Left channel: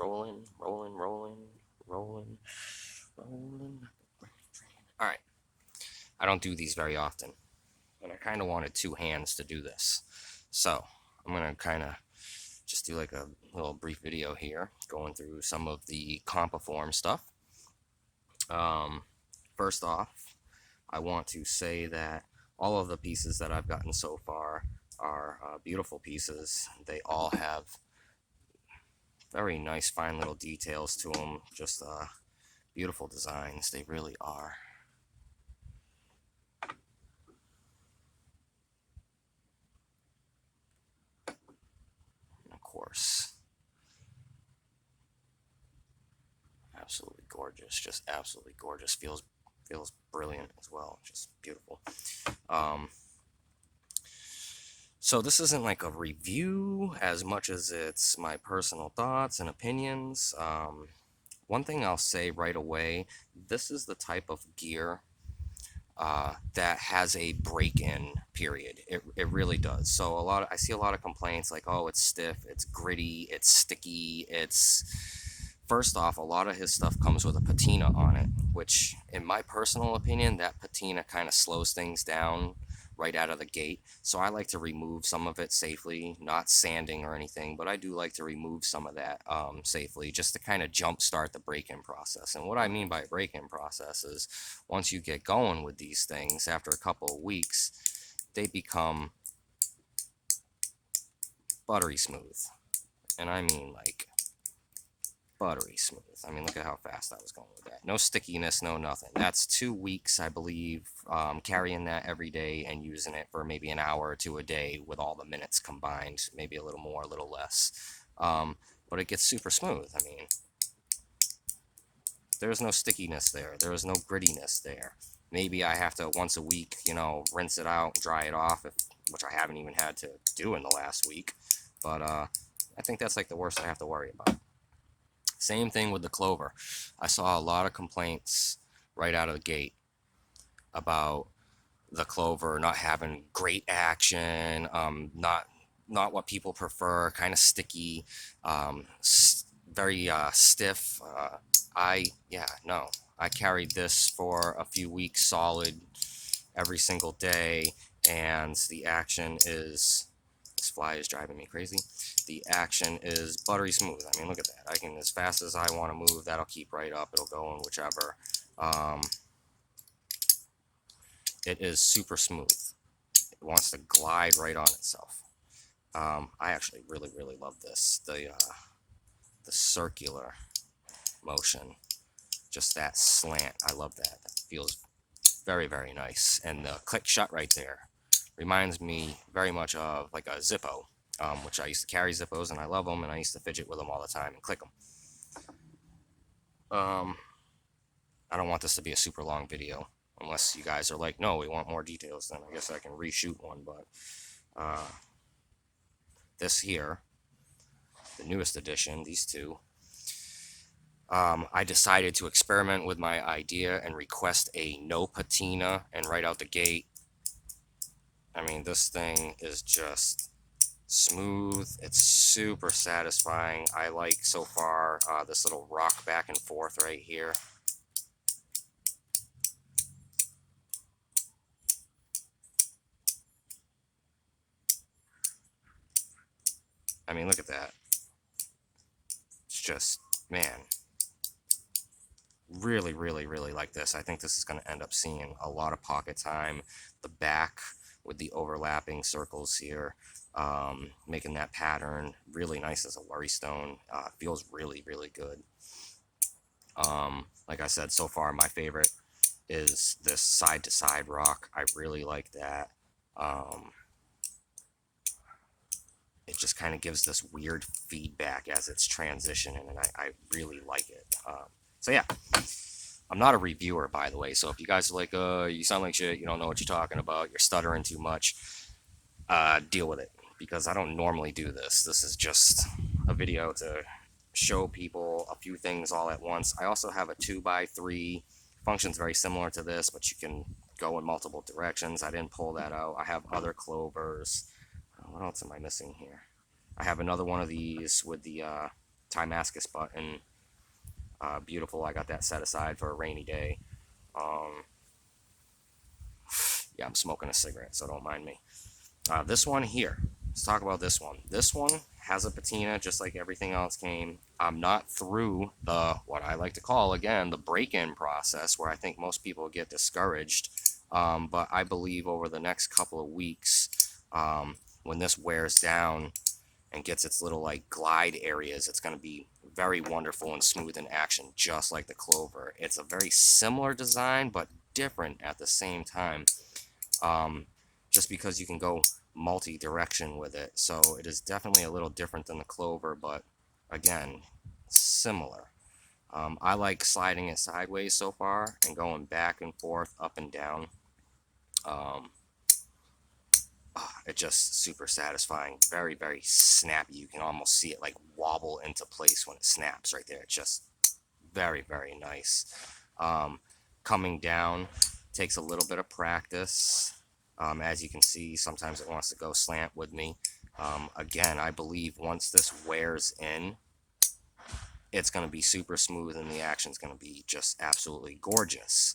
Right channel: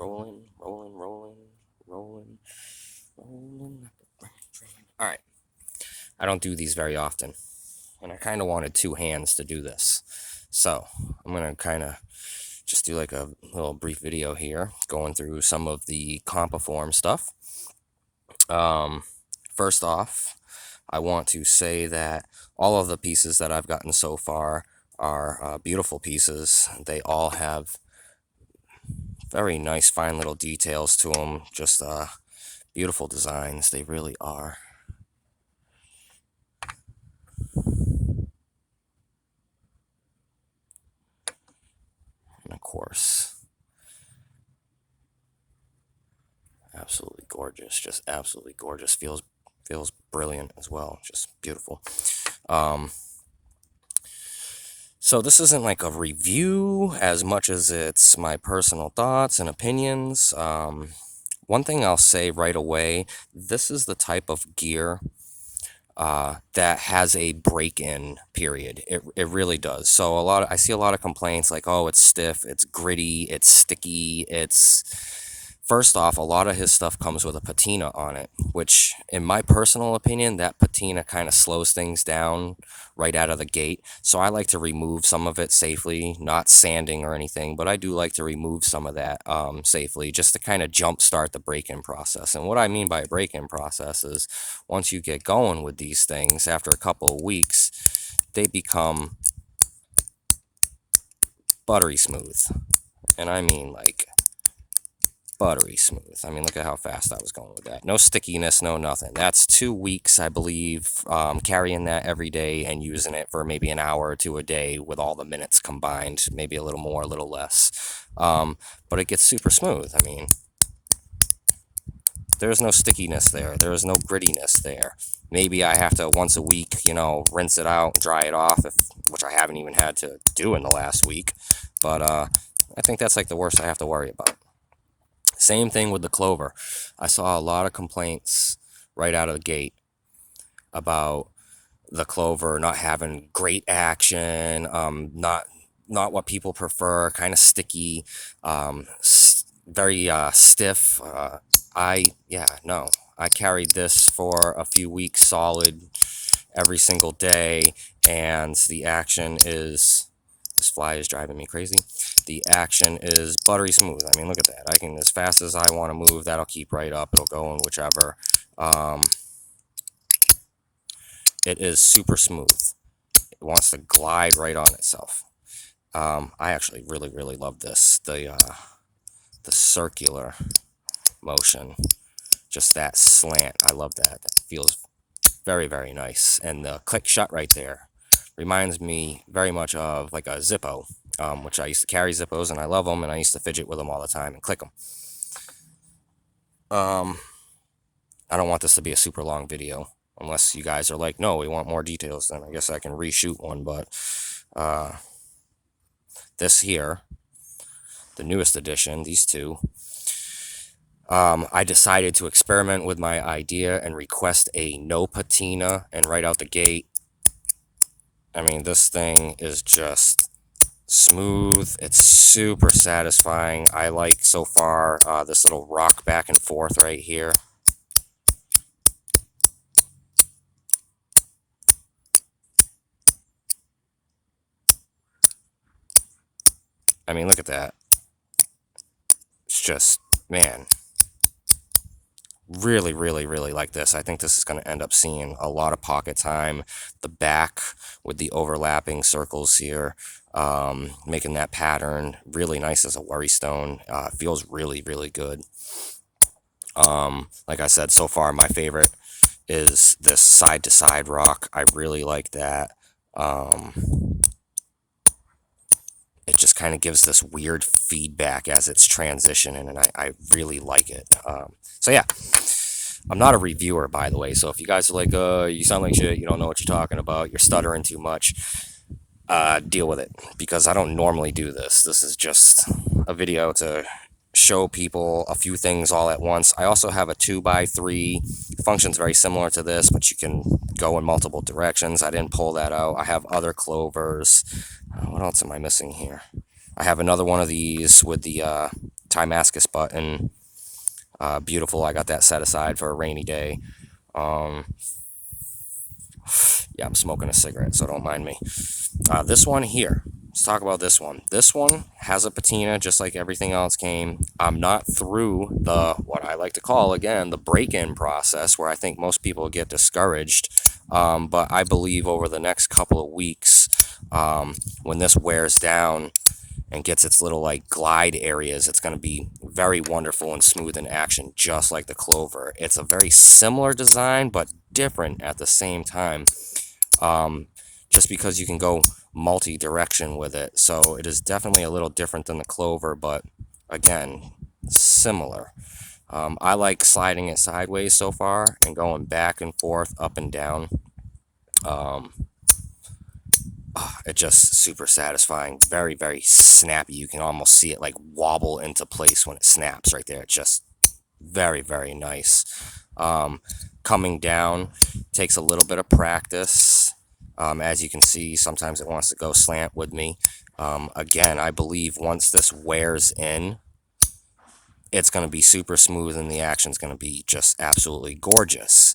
rolling, rolling, rolling, rolling, rolling. All right. I don't do these very often, and I kind of wanted two hands to do this. So I'm going to kind of just do like a little brief video here going through some of the Compoform stuff. First off, I want to say that all of the pieces that I've gotten so far are beautiful pieces. They all have very nice, fine little details to them. Just beautiful designs. They really are. And of course, absolutely gorgeous. Just absolutely gorgeous. Feels brilliant as well. Just beautiful. So this isn't like a review as much as it's my personal thoughts and opinions. One thing I'll say right away, this is the type of gear that has a break-in period. It really does. So I see a lot of complaints like, oh, it's stiff, it's gritty, it's sticky, it's... First off, a lot of his stuff comes with a patina on it, which, in my personal opinion, that patina kind of slows things down right out of the gate. So I like to remove some of it safely, not sanding or anything, but I do like to remove some of that safely, just to kind of jumpstart the break-in process. And what I mean by break-in process is once you get going with these things, after a couple of weeks, they become buttery smooth. And I mean like buttery smooth. I mean, look at how fast I was going with that. No stickiness, no nothing. That's 2 weeks, I believe, carrying that every day and using it for maybe an hour or two a day with all the minutes combined, maybe a little more, a little less. But it gets super smooth. I mean, there's no stickiness there. There is no grittiness there. Maybe I have to once a week, rinse it out, dry it off, which I haven't even had to do in the last week. But I think that's like the worst I have to worry about. Same thing with the Clover. I saw a lot of complaints right out of the gate about the Clover not having great action, not what people prefer, kind of sticky, very stiff. I carried this for a few weeks solid every single day, and the action is... This fly is driving me crazy. The action is buttery smooth. I mean, look at that. I can, as fast as I want to move, that'll keep right up. It'll go in whichever. It is super smooth. It wants to glide right on itself. I actually really love this. The circular motion, just that slant. I love that. That feels very nice. And the click shut right there reminds me very much of like a Zippo, which I used to carry Zippos and I love them, and I used to fidget with them all the time and click them. I don't want this to be a super long video, unless you guys are like, no, we want more details, then I guess I can reshoot one. But this here, the newest edition, these two, I decided to experiment with my idea and request a no patina, and right out the gate, I mean, this thing is just smooth. It's super satisfying. I like so far this little rock back and forth right here. I mean, look at that. It's just, man, really like this. I think this is going to end up seeing a lot of pocket time. The back with the overlapping circles here, making that pattern really nice as a worry stone. Feels really good. Like I said, so far my favorite is this side to side rock. I really like that. It just kind of gives this weird feedback as it's transitioning, and I really like it. So yeah, I'm not a reviewer, by the way, so if you guys are like, you sound like shit, you don't know what you're talking about, you're stuttering too much, deal with it, because I don't normally do this. This is just a video to show people a few things all at once. I also have a 2x3, functions very similar to this, but you can go in multiple directions. I didn't pull that out. I have other Clovers. What else am I missing here? I have another one of these with the Timascus button. Beautiful. I got that set aside for a rainy day. Um, yeah, I'm smoking a cigarette, so don't mind me. This one here. Let's talk about this one. This one has a patina just like everything else came. I'm not through the, what I like to call, again, the break-in process, where I think most people get discouraged. But I believe over the next couple of weeks, when this wears down and gets its little like glide areas, it's going to be very wonderful and smooth in action, just like the Clover. It's a very similar design, but different at the same time. Just because you can go multi-direction with it. So it is definitely a little different than the Clover, but again, similar. I like sliding it sideways so far and going back and forth, up and down. It's just super satisfying. Very, very snappy. You can almost see it like wobble into place when it snaps right there. It's just very, very nice. Coming down takes a little bit of practice. As you can see, sometimes it wants to go slant with me. Again, I believe once this wears in, it's going to be super smooth and the action's going to be just absolutely gorgeous.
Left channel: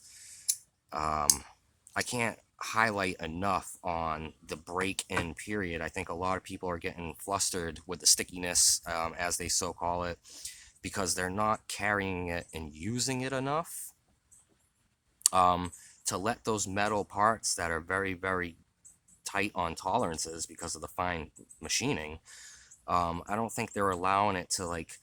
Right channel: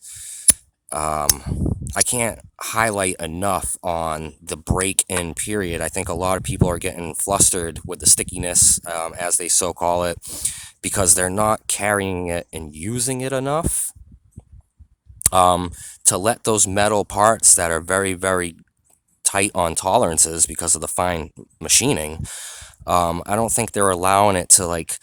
I can't highlight enough on the break-in period. I think a lot of people are getting flustered with the stickiness, as they so call it, because they're not carrying it and using it enough. To let those metal parts that are very, very tight on tolerances because of the fine machining, I don't think they're allowing it to like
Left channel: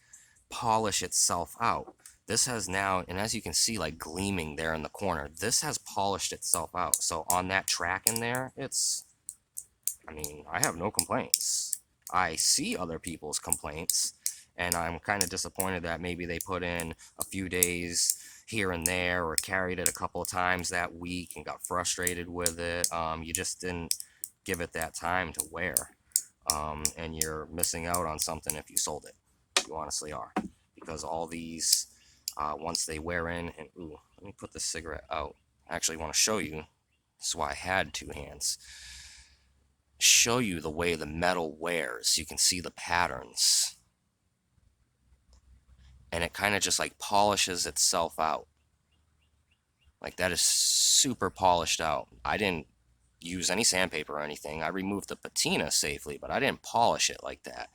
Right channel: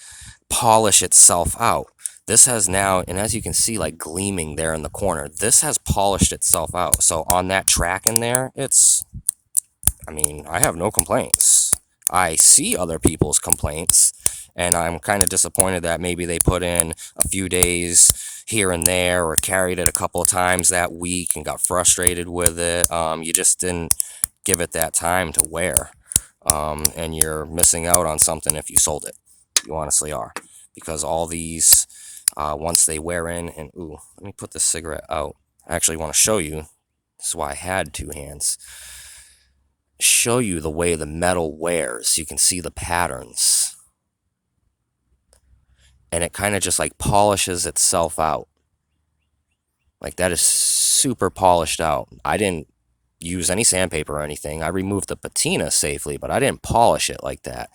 polish itself out. This has now, and as you can see, like gleaming there in the corner, this has polished itself out. So on that track in there, I mean, I have no complaints. I see other people's complaints, and I'm kind of disappointed that maybe they put in a few days here and there, or carried it a couple of times that week and got frustrated with it. You just didn't give it that time to wear, and you're missing out on something if you sold it. You honestly are, because all these, once they wear in, and ooh, let me put this cigarette out. I actually want to show you. This is why I had two hands. Show you the way the metal wears. You can see the patterns, and it kind of just like polishes itself out. Like that is super polished out. I didn't use any sandpaper or anything. I removed the patina safely, but I didn't polish it like that.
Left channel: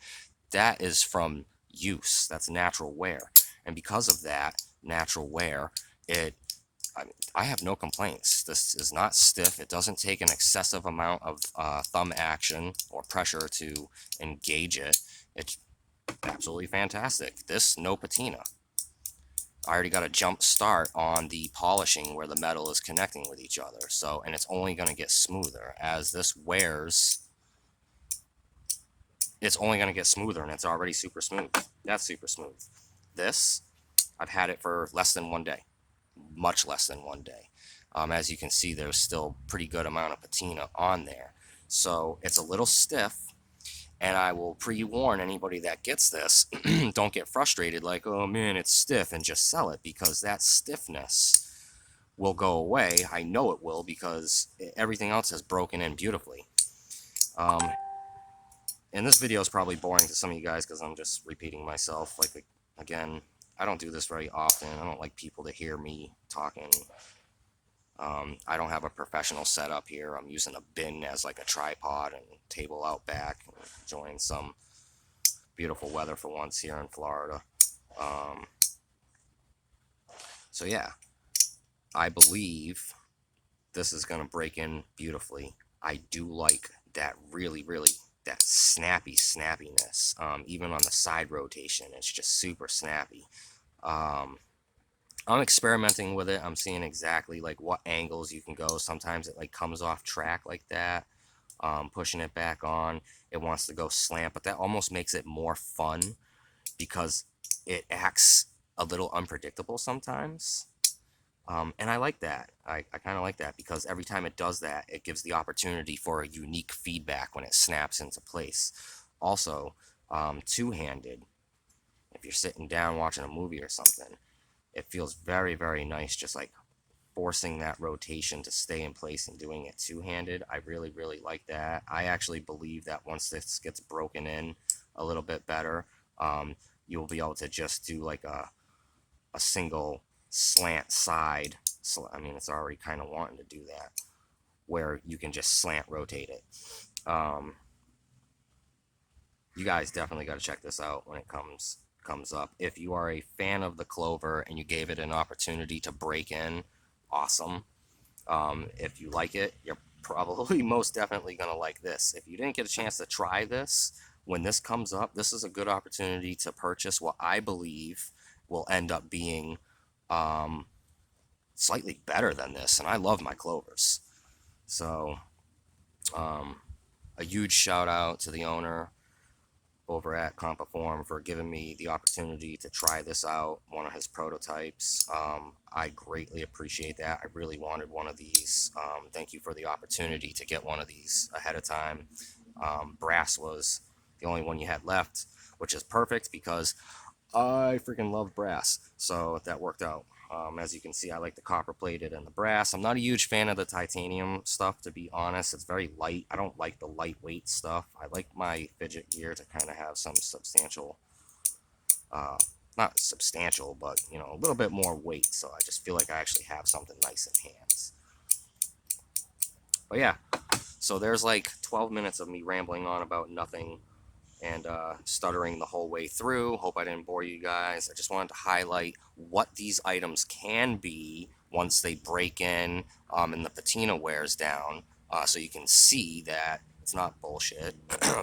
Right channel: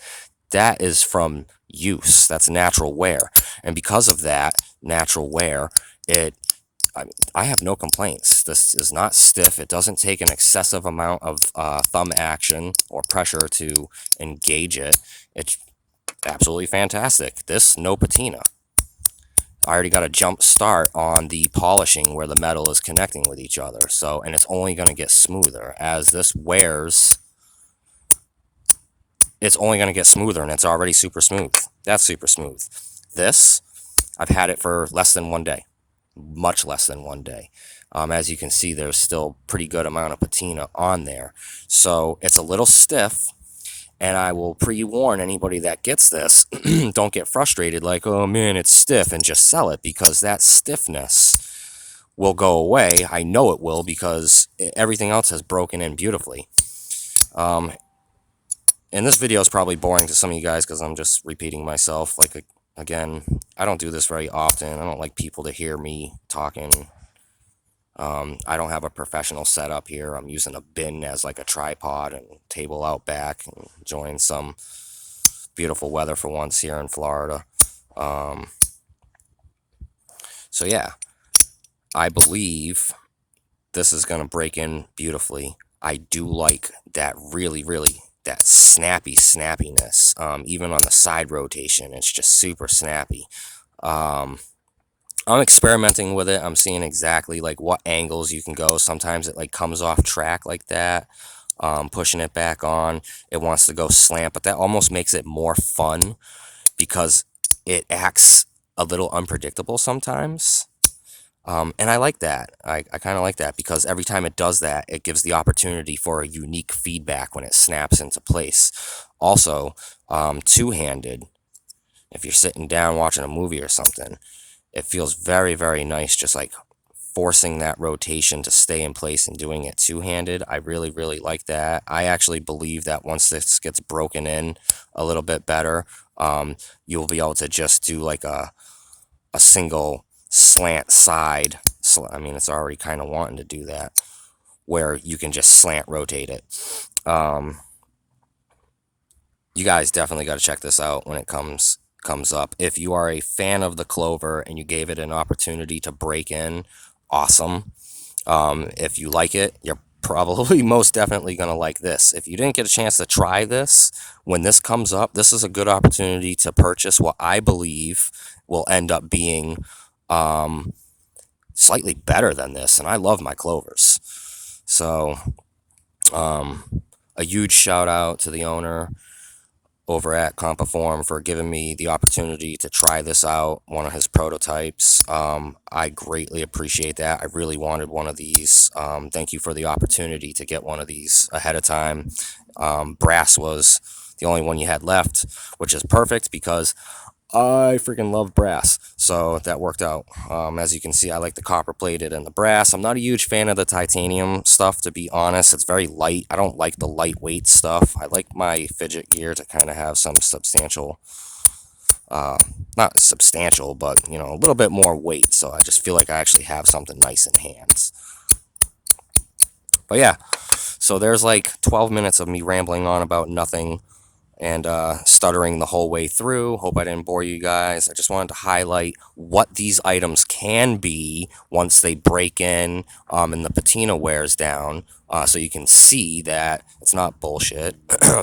That is from use. That's natural wear. And because of that natural wear, I have no complaints. This is not stiff. It doesn't take an excessive amount of thumb action or pressure to engage it. It's absolutely fantastic. This, no patina. I already got a jump start on the polishing where the metal is connecting with each other. So, and it's only going to get smoother as this wears. It's only going to get smoother, and it's already super smooth. That's super smooth. This, I've had it for less than 1 day. Much less than 1 day. As you can see, there's still pretty good amount of patina on there. So it's a little stiff, and I will pre-warn anybody that gets this, don't get frustrated like, oh man, it's stiff, and just sell it, because that stiffness will go away. I know it will, because everything else has broken in beautifully. And this video is probably boring to some of you guys because I'm just repeating myself. Like, again, I don't do this very often. I don't like people to hear me talking. I don't have a professional setup here. I'm using a bin as like a tripod and table out back, and enjoying some beautiful weather for once here in Florida. So yeah, I believe this is going to break in beautifully. I do like that really, really, that snappiness. Even on the side rotation, it's just super snappy. I'm experimenting with it. I'm seeing exactly like what angles you can go. Sometimes it like comes off track like that. Pushing it back on, it wants to go slant, but that almost makes it more fun because it acts a little unpredictable sometimes. And I like that. I kind of like that, because every time it does that, it gives the opportunity for a unique feedback when it snaps into place. Also, two-handed, if you're sitting down watching a movie or something, it feels very, very nice, just like forcing that rotation to stay in place and doing it two-handed. I really, really like that. I actually believe that once this gets broken in a little bit better, you'll be able to just do like a single slant side. I mean, it's already kind of wanting to do that, where you can just slant rotate it. You guys definitely got to check this out when it comes up. If you are a fan of the Clover and you gave it an opportunity to break in, awesome. If you like it, you're probably most definitely going to like this. If you didn't get a chance to try this, when this comes up, this is a good opportunity to purchase what I believe will end up being slightly better than this. And I love my Clovers. So, a huge shout out to the owner over at Compoform for giving me the opportunity to try this out, one of his prototypes. I greatly appreciate that. I really wanted one of these. Thank you for the opportunity to get one of these ahead of time. Brass was the only one you had left, which is perfect because I freaking love brass, so that worked out. As you can see, I like the copper plated and the brass. I'm not a huge fan of the titanium stuff, to be honest. It's very light. I don't like the lightweight stuff. I like my fidget gear to kind of have some substantial, not substantial, but, you know, a little bit more weight, so I just feel like I actually have something nice in hands. But yeah, so there's like 12 minutes of me rambling on about nothing and stuttering the whole way through. Hope I didn't bore you guys. I just wanted to highlight what these items can be once they break in and the patina wears down, so you can see that it's not bullshit.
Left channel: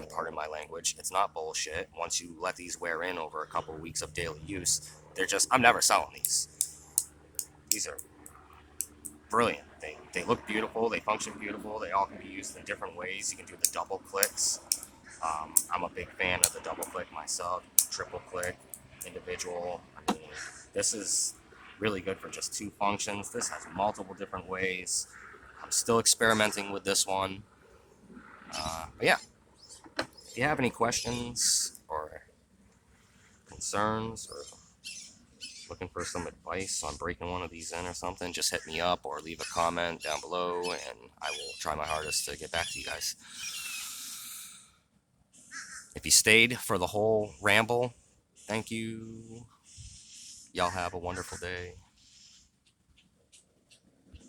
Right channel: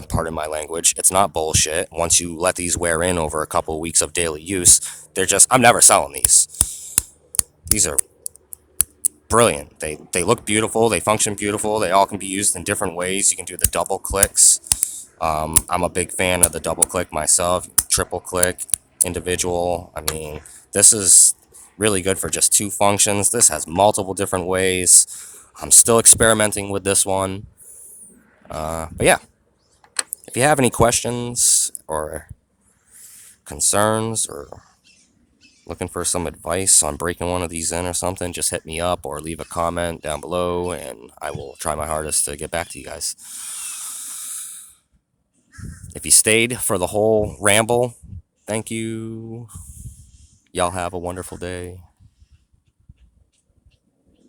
Pardon my language. It's not bullshit. Once you let these wear in over a couple of weeks of daily use, they're just, I'm never selling these. These are brilliant. They look beautiful. They function beautiful. They all can be used in different ways. You can do the double clicks. I'm a big fan of the double click myself, triple click, individual. I mean, this is really good for just two functions. This has multiple different ways. I'm still experimenting with this one. But yeah, if you have any questions or concerns or looking for some advice on breaking one of these in or something, just hit me up or leave a comment down below and I will try my hardest to get back to you guys. If you stayed for the whole ramble, thank you. Y'all have a wonderful day.